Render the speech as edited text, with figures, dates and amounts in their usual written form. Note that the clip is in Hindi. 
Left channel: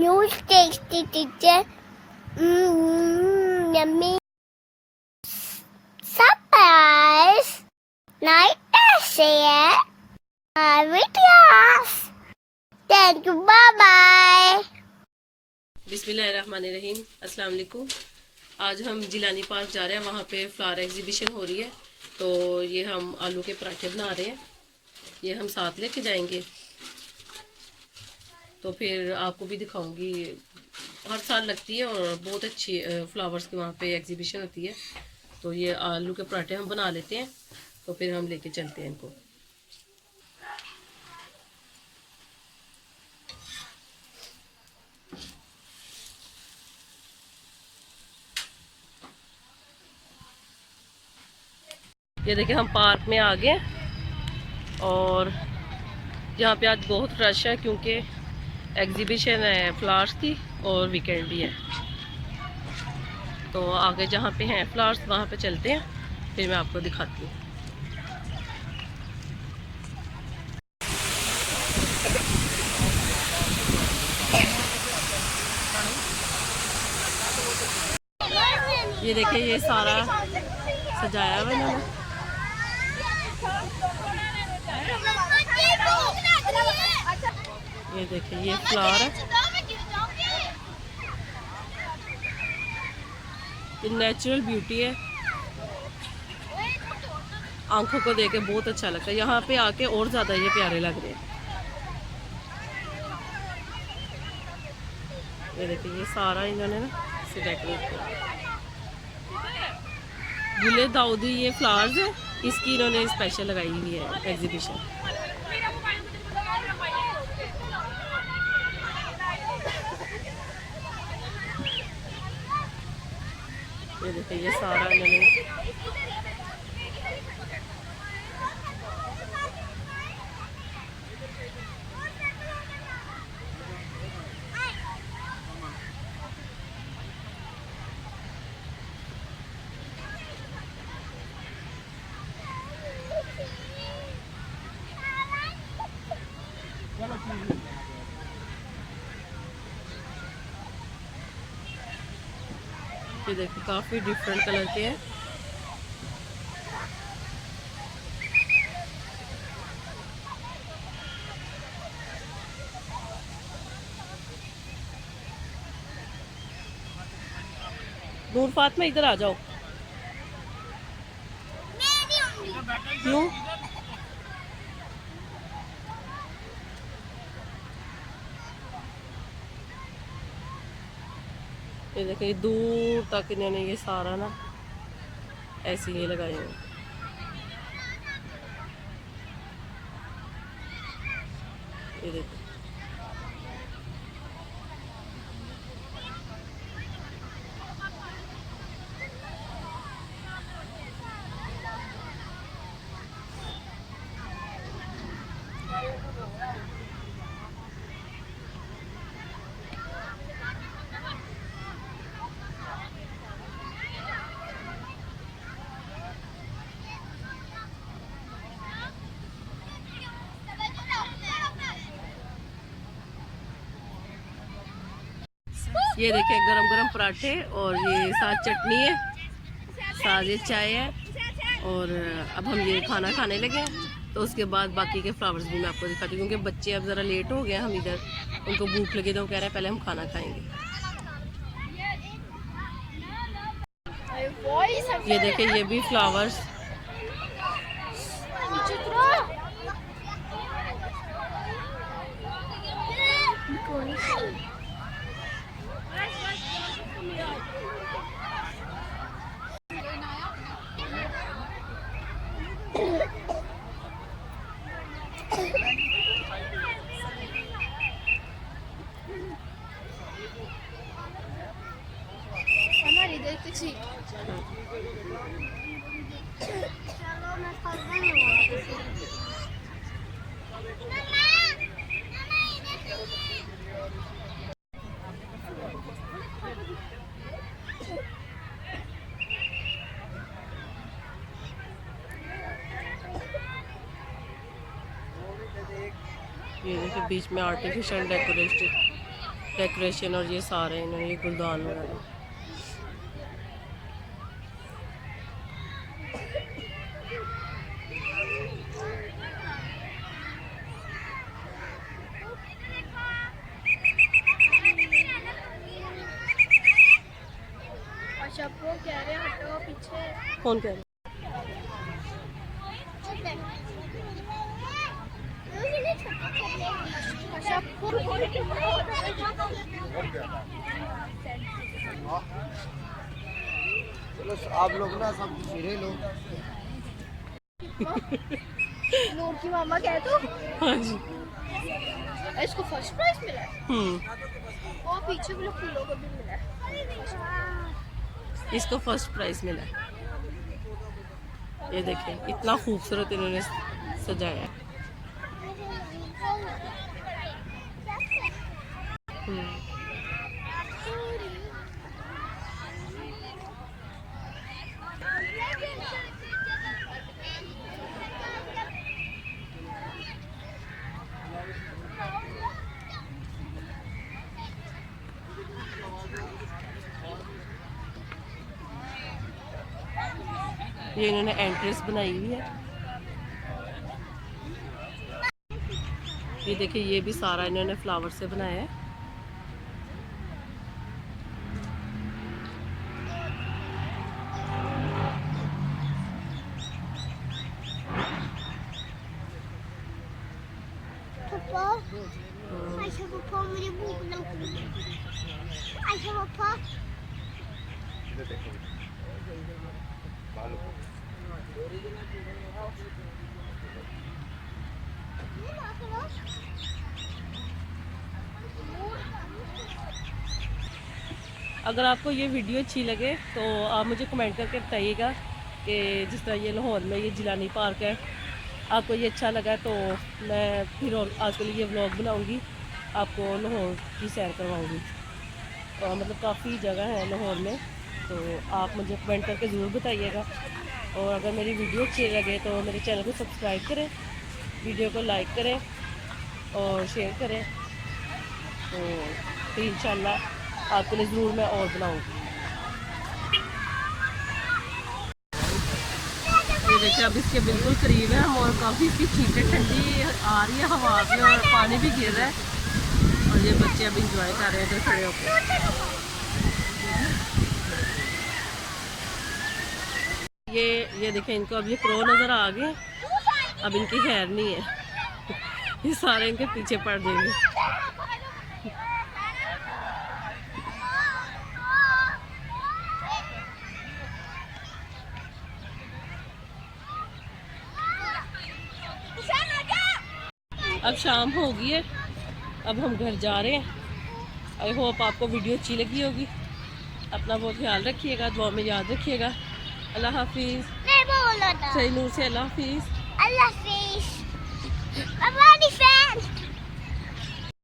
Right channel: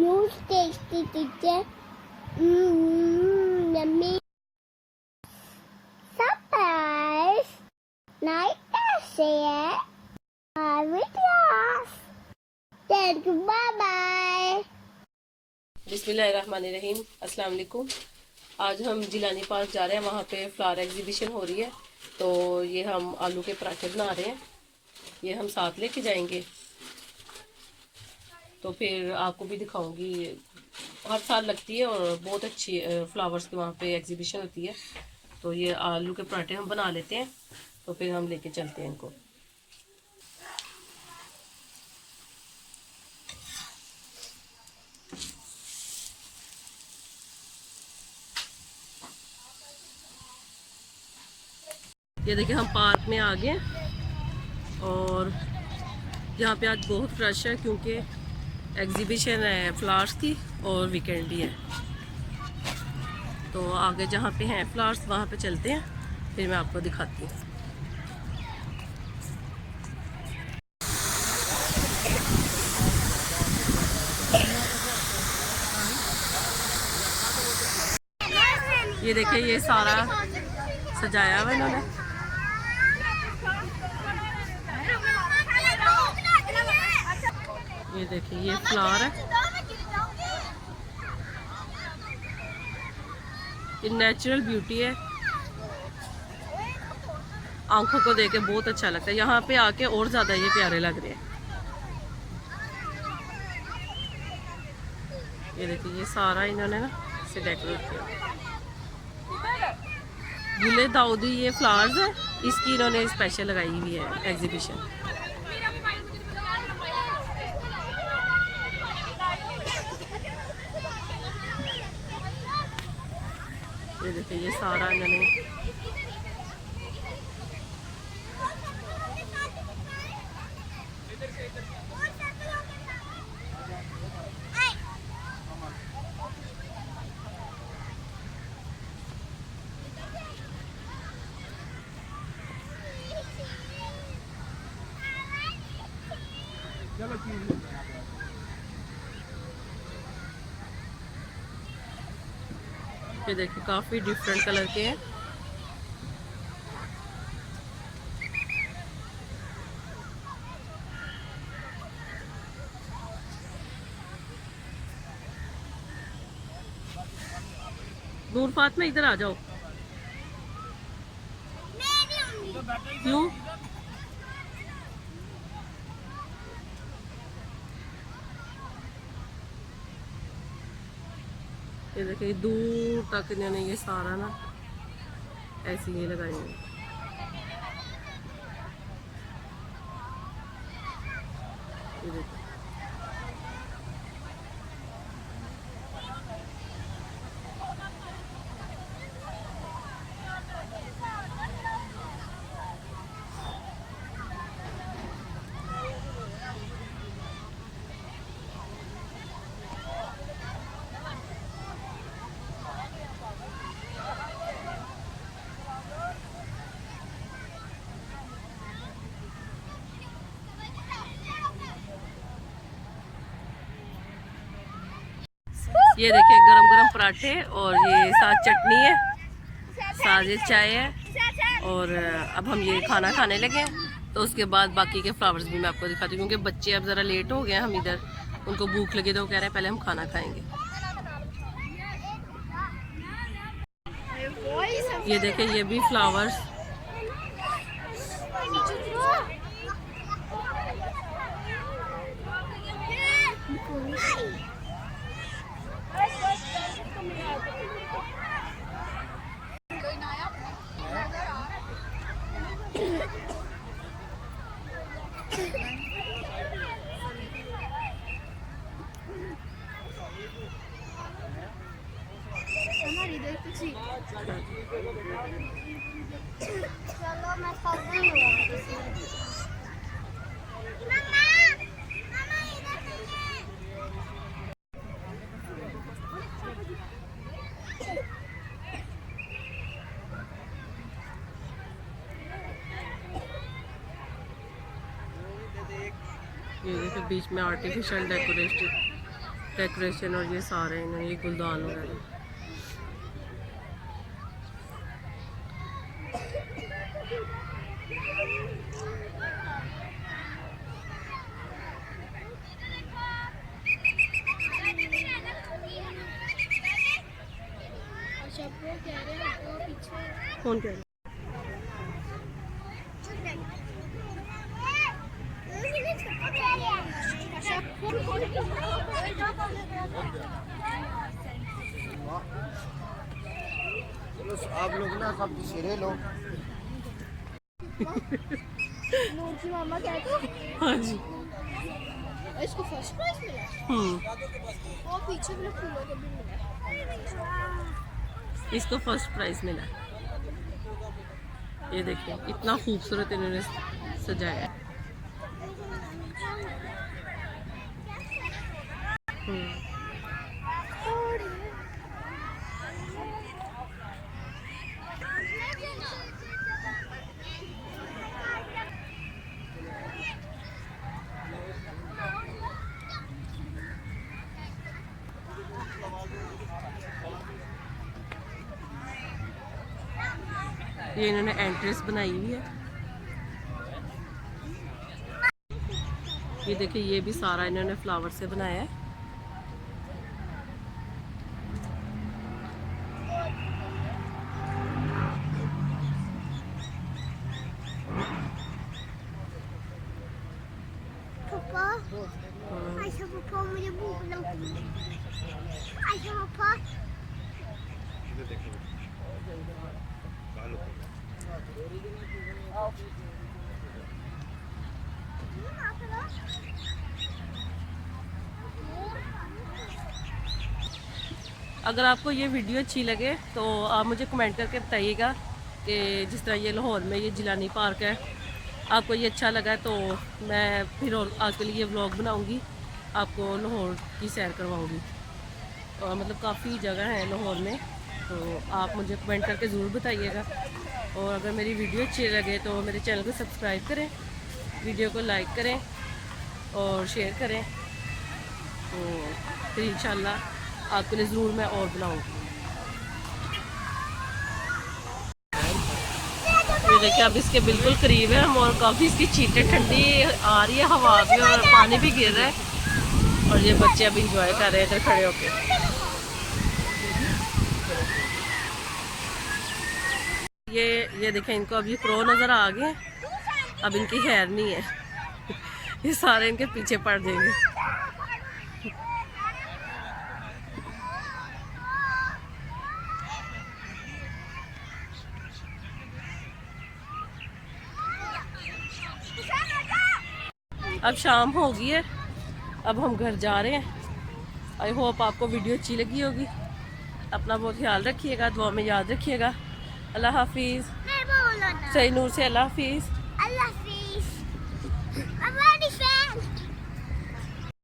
Huge tasty teacher. Yummy. Surprise. Night share. Videos. Thank you. Bye bye. बिस्मिल्लाहिर्रहमानिर्रहीम। अस्सलाम वालेकुम। आज हम जिलानी पार्क जा रहे हैं, वहाँ पे फ्लावर एग्जीबिशन हो रही है, तो ये हम आलू के पराठे बना रहे हैं। ये हम साथ लेके जाएंगे, तो फिर आपको भी दिखाऊंगी। हर साल लगती है और बहुत अच्छी फ्लावर्स की वहाँ पे एग्जीबिशन होती है। तो ये आलू के पराठे हम बना लेते हैं, तो फिर हम लेके चलते हैं इनको। ये देखिए हम पार्क में आ गए और यहाँ पे आज बहुत रश है, क्योंकि एग्जीबिशन है फ्लावर्स की और वीकेंड भी है। तो आगे जहाँ पे हैं फ्लावर्स वहाँ पे चलते हैं, फिर मैं आपको दिखाती हूँ। ये देखिए ये सारा सजाया हुआ इन्होंने। ये देखिए ये फ्लावर है, ये नेचुरल ब्यूटी है, आंखों को देख के बहुत अच्छा लगता है। यहाँ पे आके और ज़्यादा ये प्यारे लग रहे हैं। ये देखिए ये सारा इन्होंने ना इसे डेकोरेट किया। गुले दाऊदी ये फ्लावर्स है, इसकी इन्होंने स्पेशल लगाई हुई है एग्जीबिशन। ये देखिए ये सारा इन्होंने ये देखिए काफ़ी डिफरेंट कलर के हैं। नूर फातिमा इधर आ जाओ। क्यों? ये देखिए दूर तक इन्होंने ये सारा ना ऐसे ही लगाए हैं। ये देखो ये देखिए गरम गरम पराठे और ये साथ चटनी है, साथ ये चाय है। और अब हम ये खाना खाने लगे हैं, तो उसके बाद बाकी के फ्लावर्स भी मैं आपको दिखाती हूँ, क्योंकि बच्चे अब ज़रा लेट हो गए हैं। हम इधर उनको भूख लगी तो वो कह रहे हैं पहले हम खाना खाएंगे। ये देखिए ये भी फ्लावर्स। ये देखिए बीच में आर्टिफिशियल डेकोरेशन और ये सारे इन्होंने ये गुलदान वगैरह। कौन कह रहे हैं? आप लोग ना सब सिरे लोग नूर की मामा कह दो। हाँ जी। इसको फर्स्ट प्राइज मिला है। और पीछे वाले फूलों को भी मिला है। इसको फर्स्ट प्राइज मिला है। ये देखें इतना खूबसूरत इन्होंने सजाया है। ये इन्होंने एंट्रेंस बनाई हुई है। ये देखिए ये भी सारा इन्होंने फ्लावर से बनाया है। पापा, अच्छा पापा मुझे भूख लग रही है। अच्छा पापा। अगर आपको ये वीडियो अच्छी लगे तो आप मुझे कमेंट करके बताइएगा कि जिस तरह ये लाहौर में ये जिलानी पार्क है, आपको ये अच्छा लगा तो मैं फिर और आपके लिए ये व्लॉग बनाऊंगी, आपको लाहौर की सैर करवाऊंगी। मतलब काफ़ी जगह है लाहौर में, तो आप मुझे कमेंट करके ज़रूर बताइएगा। और अगर मेरी वीडियो अच्छी लगे तो मेरे चैनल को सब्सक्राइब करें, वीडियो को लाइक करें और शेयर करें। तो फिर इंशाल्लाह आपके लिए ज़रूर मैं और बनाऊंगी। ये देखिए अब इसके बिल्कुल करीब है हम, और काफ़ी इसकी चीटें ठंडी आ रही है, हवा भी और पानी भी गिर रहा है। और ये बच्चे अब इंजॉय कर रहे हैं इधर खड़े होकर। ये देखें इनको अब ये क्रो नज़र आ गए, अब इनकी खैर नहीं है। ये सारे इनके पीछे पड़ जाएंगे। अब शाम हो गई है, अब हम घर जा रहे हैं। आई होप आपको वीडियो अच्छी लगी होगी। अपना बहुत ख्याल रखिएगा, दुआ में याद रखिएगा। अल्लाह हाफिज़। सही नूर से अल्लाह हाफिज़। अल्लाह हाफिज़।